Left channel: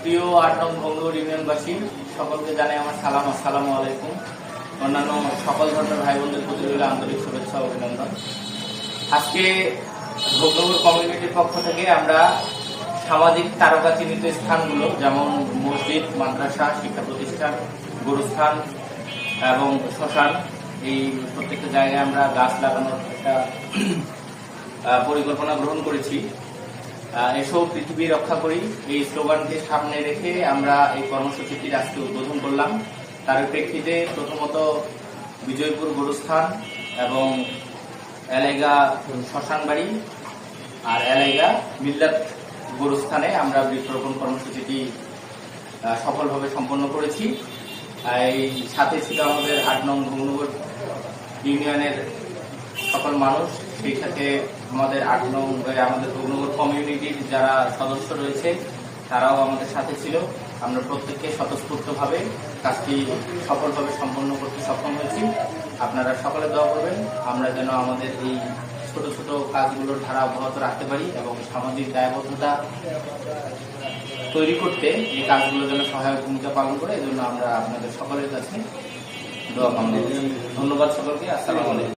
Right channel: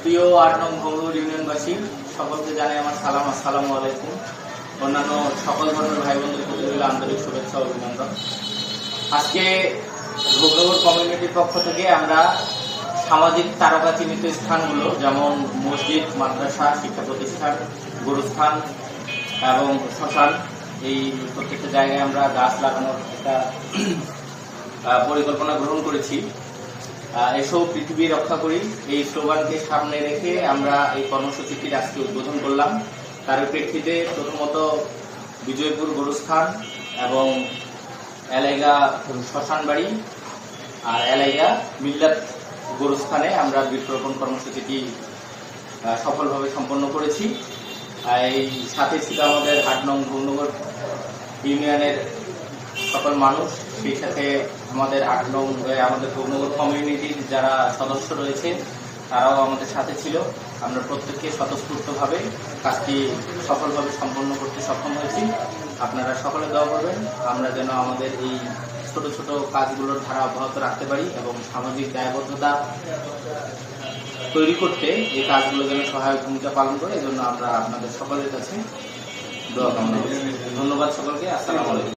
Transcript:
প্রিয় ৮ নং ভঙ্গুর ইউনিয়নবাসী সকলকে জানাই আমার সালাম, আসসালামু আলাইকুম। অন্যান্য সকল ধরনের ভাই বোনদের প্রতি রইল আন্তরিক শুভেচ্ছা ও অভিনন্দন। আজকে ভোগনগর কমিউনিটির পক্ষ থেকে আমরা সামাজিক তারকা চিহ্নিত স্থানগুলো যেমন মসজিদ, মাদ্রাসা, শিক্ষা প্রতিষ্ঠান, গুরুস্থান এবং শ্মশান, এই প্রত্যেকটা জায়গায় আমরা গাছ লাগানোর একটা পরিকল্পনা গ্রহণ করেছি। এসব পৃথিবী রক্ষা করি, এই স্লোগানকে সামনে রেখে আমরা এই কর্মসূচিটির আজকে উদ্বোধন করলাম। তার প্রেক্ষিতে প্রথমত বিজয়পুর গুরুস্থান এবং এলাইগা শ্মশানবাড়ি আর এলাইগা মিল্লাত গুরুস্থানে আমরা বৃক্ষরোপণ কর্মসূচিটি সফলভাবে সম্পন্ন করেছি। এই সাথে ছিল আমাদের ৮ নং ভঙ্গুর ইউনিয়নের সকল মানুষ, সেই সাথে আমাদের ৮ নং আমাদের ভঙ্গুর কমিউনিটির যারা সদস্য রয়েছে তারাও আমাদের সাথে ছিল। আমরা প্রত্যেককে স্বতঃস্ফূর্তভাবে কাজটি সফলভাবে সম্পন্ন করতে সক্ষম হয়েছি। আপনারা সকলে দোয়া করবেন আমরা যেন আমাদের এই ছোট ছোট কাজগুলোর ধারা অব্যাহত রাখতে পারি এবং সামাজিক দায়বদ্ধতা তৈরি করতে এই কাজগুলো যেন সহায়ক ভূমিকা পালন করে। এই জন্য আমরা আপনাদের সকলের কাছে দোয়া কামনা করি। ধন্যবাদ সকলকে। আসসালামু আলাইকুম।